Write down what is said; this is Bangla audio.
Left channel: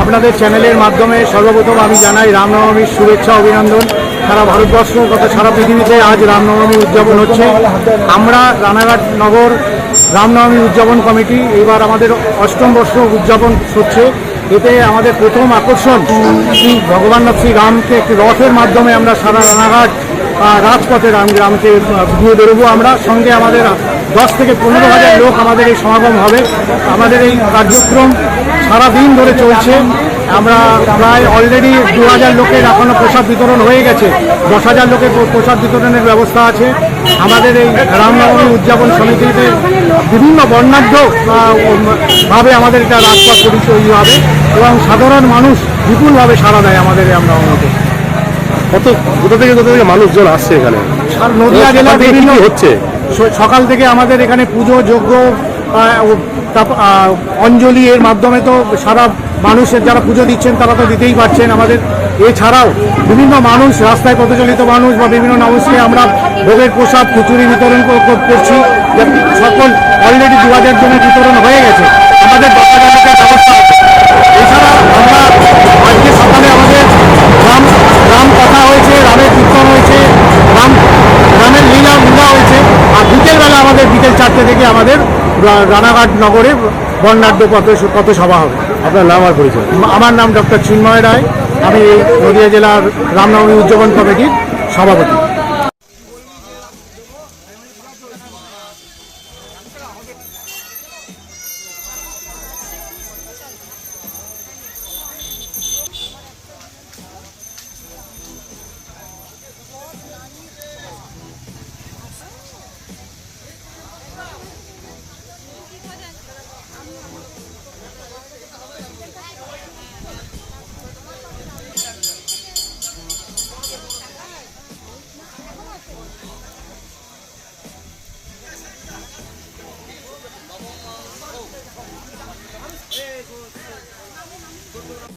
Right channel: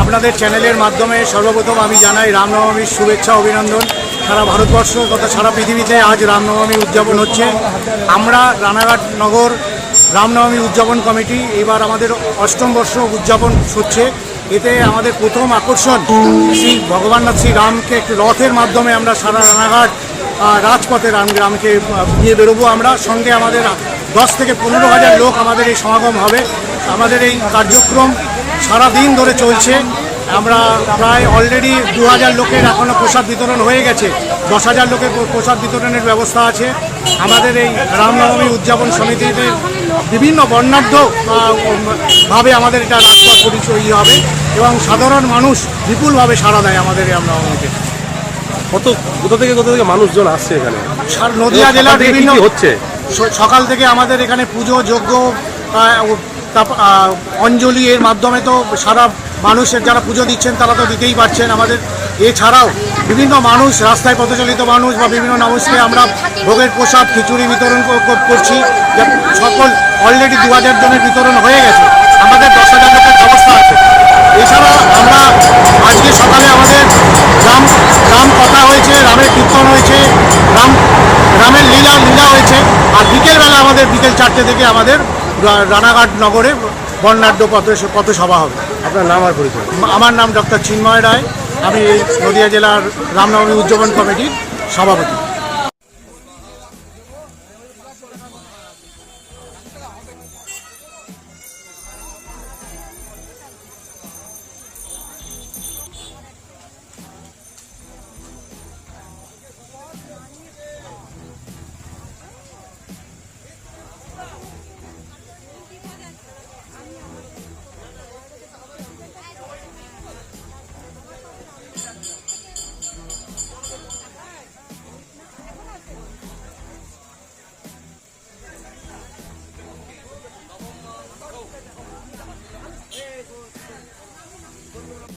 আপনাদের চ্যানেলের মাধ্যমে সর্বপ্রথম আমি জানাই রামনবমীর শুভেচ্ছা অভিনন্দন। সারা ভারতবর্ষ তথা সারা পৃথিবীতে আজ রামনবমী উদযাপন হচ্ছে। আমরা রানাঘাট নগর রামনবমী উদযাপন কমিটি এবার আমাদের অষ্টম বর্ষ উদযাপন হচ্ছে। এতে আমাদের প্রথম আকর্ষণ শ্রী ভগবাননাথ শ্রী রামকে একটি রথের মাধ্যমে আমরা সারা রানাঘাট রাজপথে রাম গ্রামকে আহ, নিয়ে বেরোবো আমরা। সঙ্গে আমাদের দশ থেকে পনেরো হাজার লোক আমাদের এই সমাগম হবে। আমাদের এই কার্যক্রম সারা দিন ধরে চলছে। আমরা প্রায় অলরেডি দু হাজার লোকের এখনও প্রসাদ বিতরণ হয়ে গেছে। দশ হাজার লোকের প্রসাদ বিতরণের ব্যবস্থা আছে। আমাদের এই রামনবমী উদযাপন সমিতিতে বিভিন্ন বর্ণাঢ্য ভাবে আমাদের এটা রাজপথ পরিচয় হবে এবং সাধারণ মানুষ বিপুলভাবে সাড়া দেয় আমাদের এই রামনবমীতে। কত কোথা থেকে কোথা থেকে মানুষজন আসছে এখানে? নদিয়া জেলার বিভিন্ন হচ্ছে? সকাল থেকে আমাদের এখানে পুজো, যজ্ঞ অঞ্জলি এর মাধ্যমে তো সারা মানুষের যারা পুজো দিচ্ছেন তারা তো দিতেই পারছেন আমাদের। এছাড়াও বিভিন্ন মানুষ, রাস্তায় পথচলিত মানুষ বা বিভিন্ন মানুষকে আমরা ভোগের প্রসাদ, খিচুড়ি বিতরণ কর- কর- করছি। সকল অলরেডি দু হাজার জনের বিতরণ হয়ে গেছে। আমাদের রানাঘাট নগরে বর্ণাঢ্য পথ সভা হবে। আপনার নাম আর পরিচয়? আমার নাম ডক্টর চিন্ময় রায়। আমি এই নদিয়া জেলার রামনবমী উদযাপন কমিটির সভাপতি।